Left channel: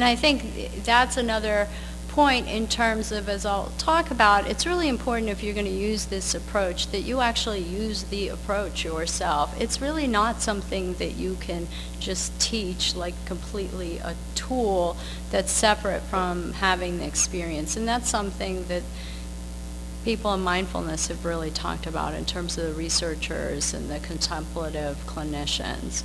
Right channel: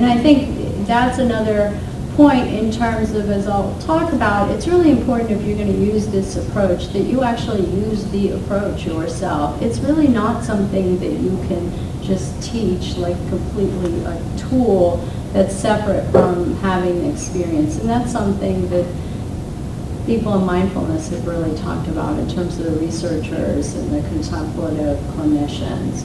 And I think that's another point in terms of, as I'll talk about, it's really important if you're going to use this approach that you actually use the approach yourself. It's really not something that you can just teach, like completely a tool that's separate from having the experience. And that's something that people in mindfulness have really talked about in terms of the researchers and the contemplative clinicians.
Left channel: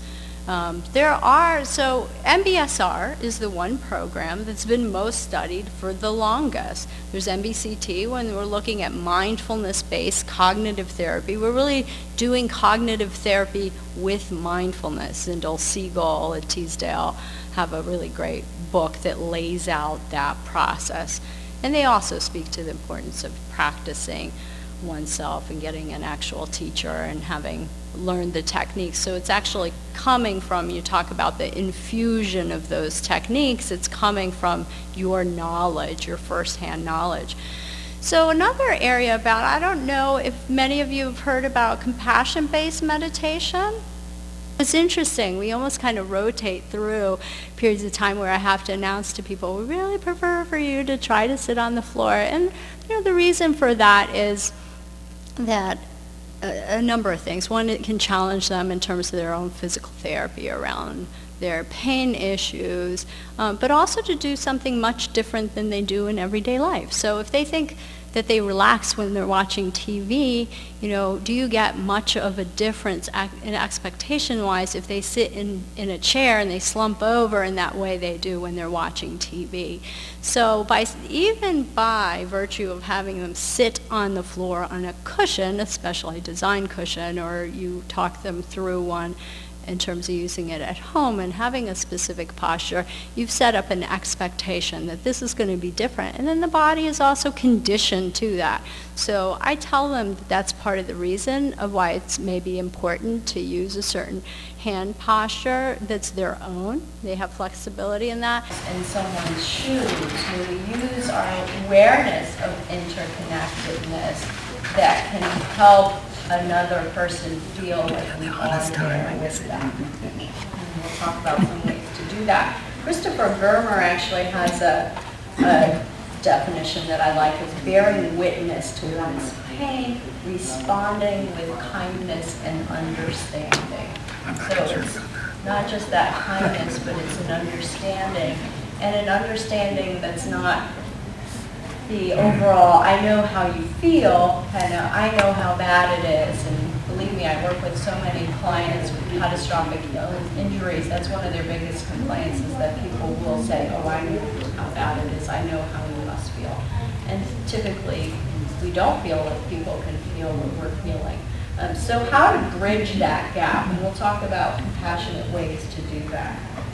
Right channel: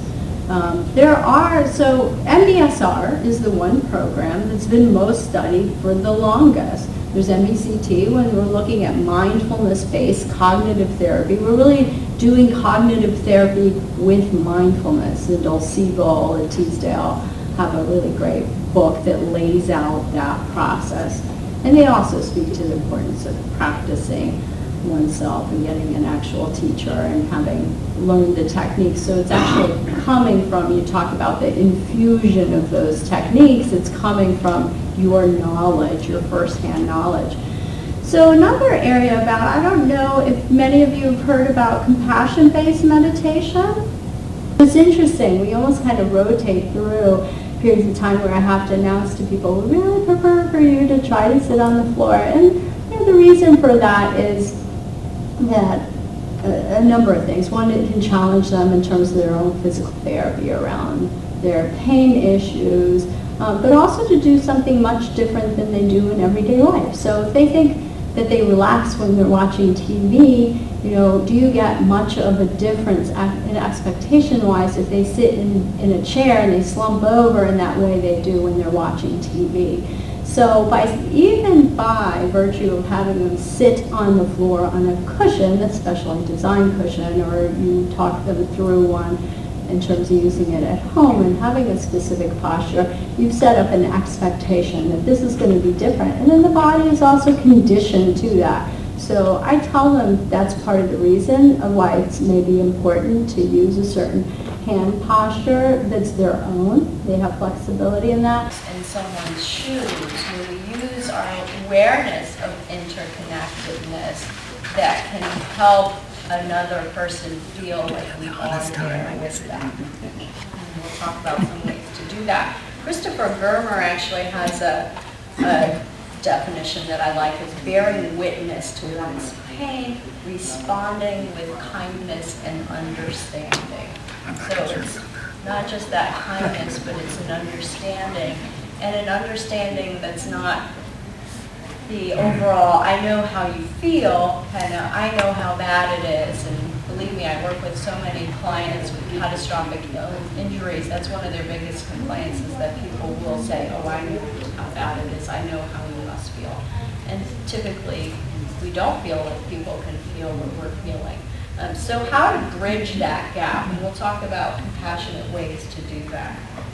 So MBSR is the one program that's been most studied for the longest. There's MBCT, when we're looking at mindfulness-based cognitive therapy. We're really doing cognitive therapy with mindfulness. And Dole Siegel and Teasdale have a really great book that lays out that process. And they also speak to the importance of practicing oneself and getting an actual teacher and having learned the techniques. So it's actually coming from, you talk about the infusion of those techniques, it's coming from your knowledge, your firsthand knowledge. So another area about, I don't know if many of you have heard about compassion-based meditation. It's interesting, we almost kind of rotate through periods of time where I have to announce to people, we really prefer for you to try to sit on the floor. And the reason for that is that a number of things. One, it can challenge them in terms of their own physical therapy around their pain issues, but also to do something much different than they do in everyday life. So if they think that they relax when they're watching TV, do you get much of a difference in expectation-wise if they sit in a chair and they slump over in that way they do when they're watching TV? So even by virtue of having them sit on the floor on a cushion, a specially designed cushion, or you talk them through one in terms of using it at home and having a specific posture, you've set up an expectation that this is going to be different. And then the body is also conditioned to that. So I tell them that's part of the reason of why it's maybe important to use a certain hand posture that's their own. They have flexibility in that. In someone's shoes, when we use our awareness of interconnectedness that can help another person feel like we are there with them. And we'll talk about some ways to do that. Christopher Germer actually has a definition that I like, is bearing witness to one's pain, responding with kindness and understanding. So it's not just that kindness, but it's an understanding, and an understanding that's not the overall, I know how you feel, and I know how bad it is. And believe me, I work with so many clients with catastrophic injuries. That's one of their biggest complaints, is that people will say, oh, I know how bad it is. I know how you must feel. And typically, we don't feel like people can feel what we're feeling. So how to bridge that gap, and we'll talk about compassionate ways to do that.